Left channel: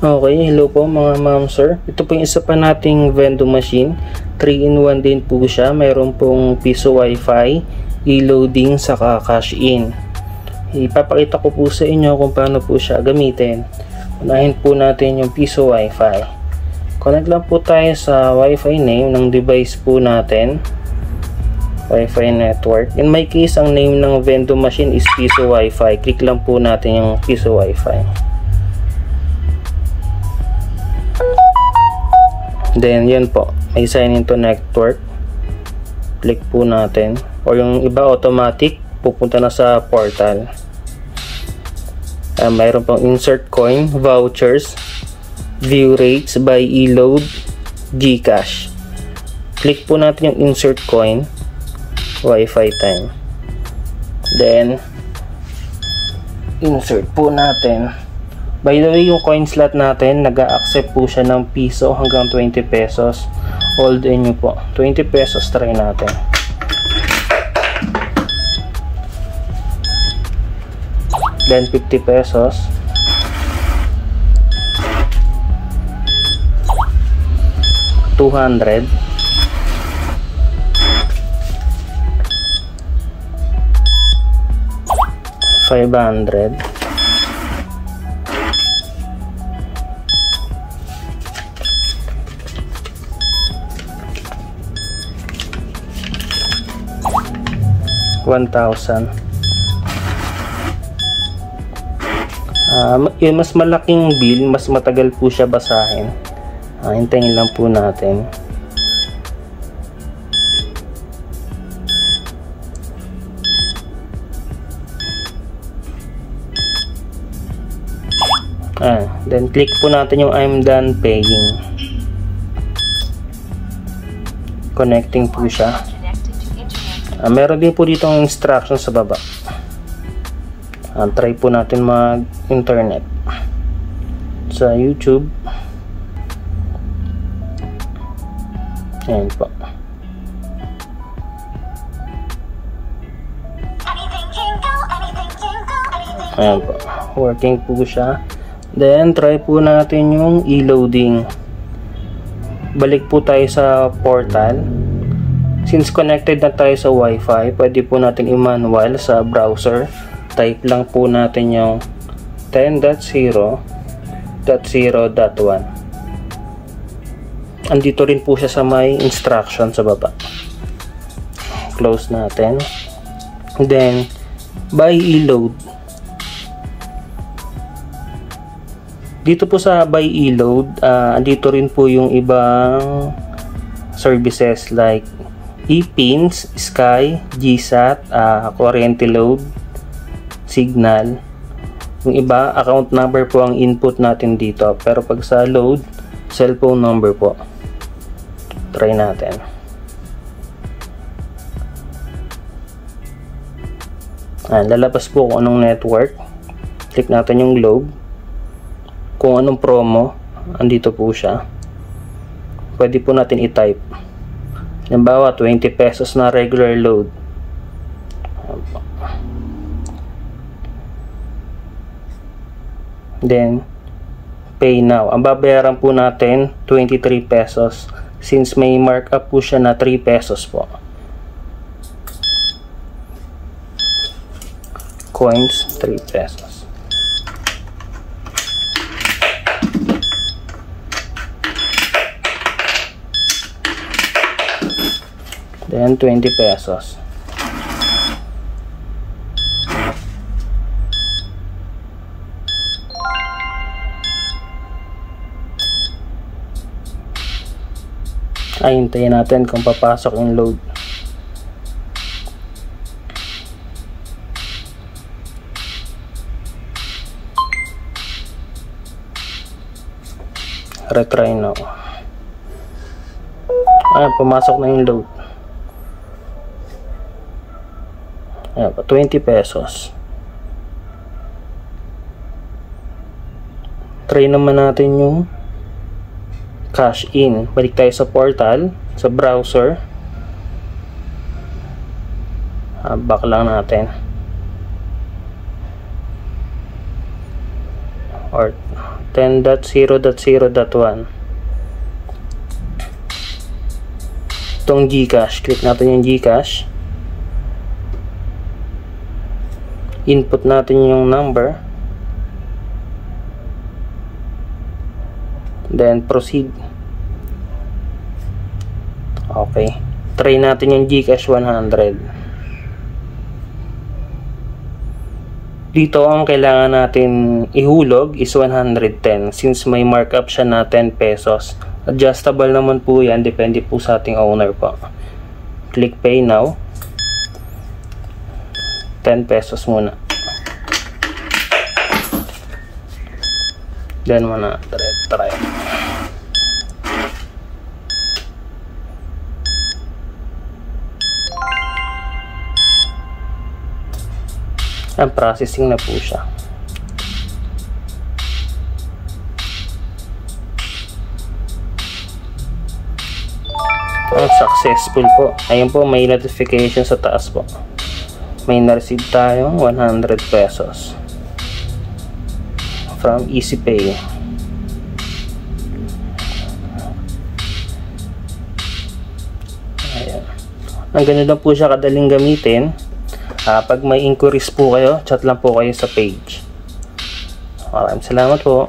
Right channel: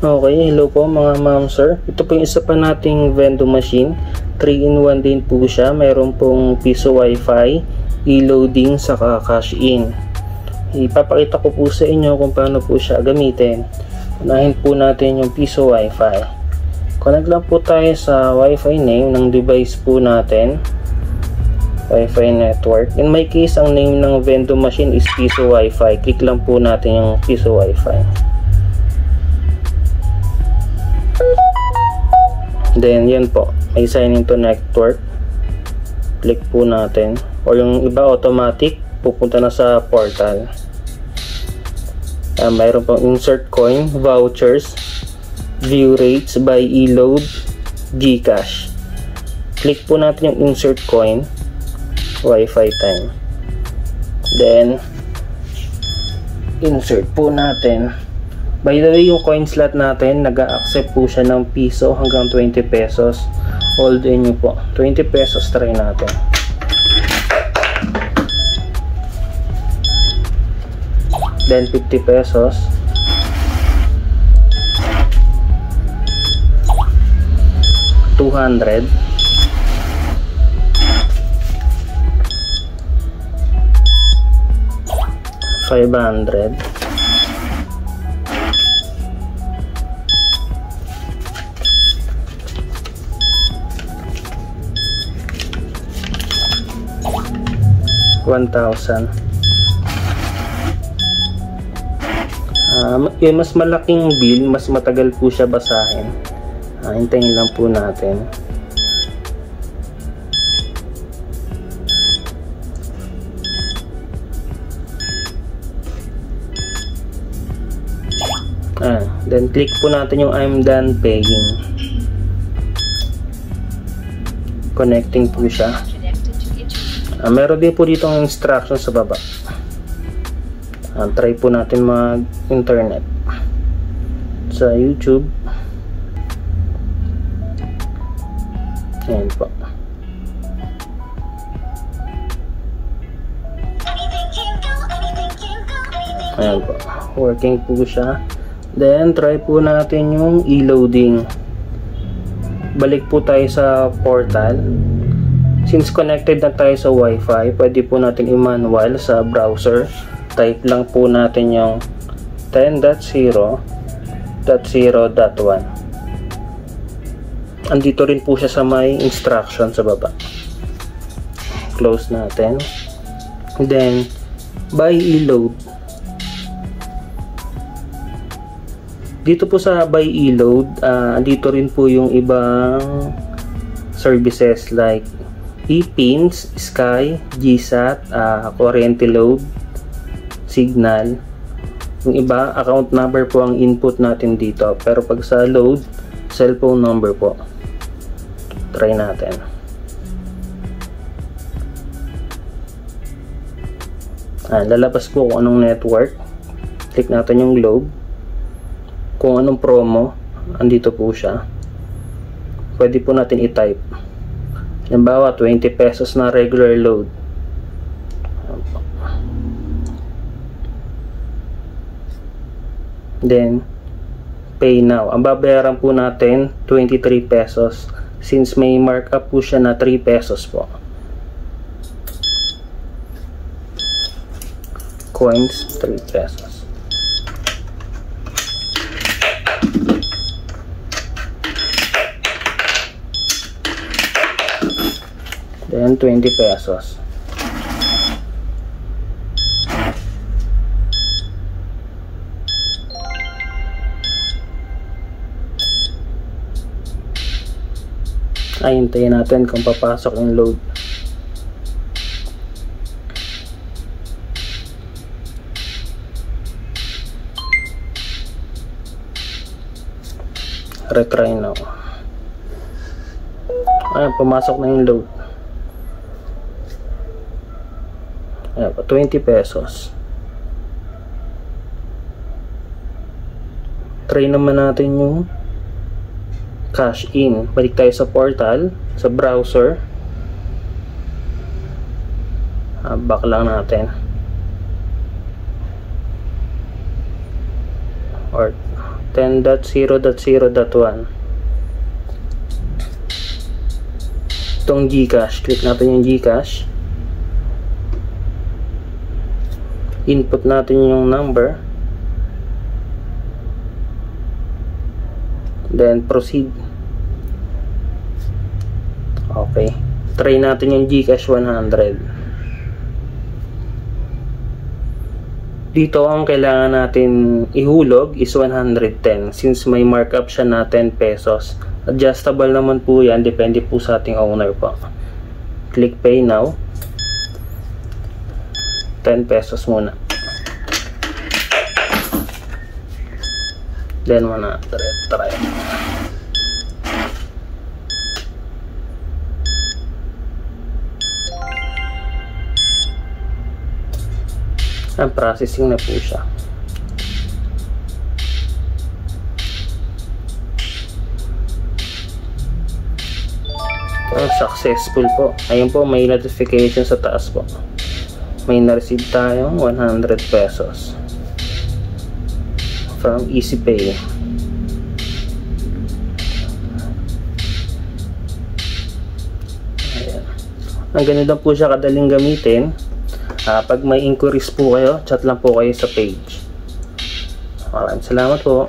Okay, hello po mga ma'am sir. Ito po yung isa pa nating vending machine. 3-in-1 din po siya. Meron pong piso wifi, e-loading, saka cash in. Ipapakita ko po sa inyo kung paano po siya gamitin. Unahin po natin yung piso wifi. Connect lang po tayo sa wifi name ng device po natin. Wi-Fi network. In my case, ang name ng vending machine is piso wifi. Click lang po natin yung piso wifi. Then, yan po. May sign into network. Click po natin. Or yung iba automatic, pupunta na sa portal. Mayroon pong insert coin, vouchers, view rates by e-load, Gcash. Click po natin yung insert coin, Wi-Fi time. Then, insert po natin. By the way, yung coin slot natin, nag-a-accept po siya ng piso hanggang 20 pesos. Hold in nyo po. 20 pesos, try natin. Then 50 pesos. $200. $500. $1,000. Yung mas malaking bill, mas matagal po siya basahin. Hintayin lang po natin. Then click po natin yung I'm done paying. Connecting po siya. Meron din po dito ng instruction sa baba. Try po natin mag-internet sa YouTube. Ayan po. Ayan po. Working po siya. Then, try po natin yung e-loading. Balik po tayo sa portal. Since connected na tayo sa Wi-Fi, pwede po natin i-manual sa browser. Type lang po natin yung 10.0.0.1. Andito rin po siya sa may instruction sa baba. Close natin. Then, by e-load. Dito po sa by e-load, dito rin po yung ibang services like ePINS, Sky, GSAT, Kuryente Load, Signal. Yung iba, account number po ang input natin dito. Pero pag sa load, cellphone number po. Try natin. Lalabas po kung anong network. Click natin yung globe. Kung anong promo, andito po siya. Pwede po natin i-type. Halimbawa, 20 pesos na regular load. Then, pay now. Ang babayaran po natin, 23 pesos. Since may markup po siya na 3 pesos po. Coins, 3 pesos. Then 20 pesos. Hintayin natin kung papasok yung load. Retry now. Pumasok na yung load. 20 pesos. Try naman natin yung cash in. Balik tayo sa portal, sa browser. Back lang natin. Or 10.0.0.1. Itong GCash, click natin yung GCash. Input natin yung number, then proceed. Okay, try natin yung GCash 100. Dito ang kailangan natin ihulog is 110 since may markup siya na 10 pesos. Adjustable naman po yan, depende po sa ating owner po. Click pay now. 10 pesos muna. Then muna try. Ang processing na po siya. Successful po. Ayun po, may notification sa taas po. May na-receive tayong 100 pesos from EasyPay. Ayan. Ang ganun lang po siya kadaling gamitin. Pag may inquiries po kayo, chat lang po kayo sa page. Salamat po.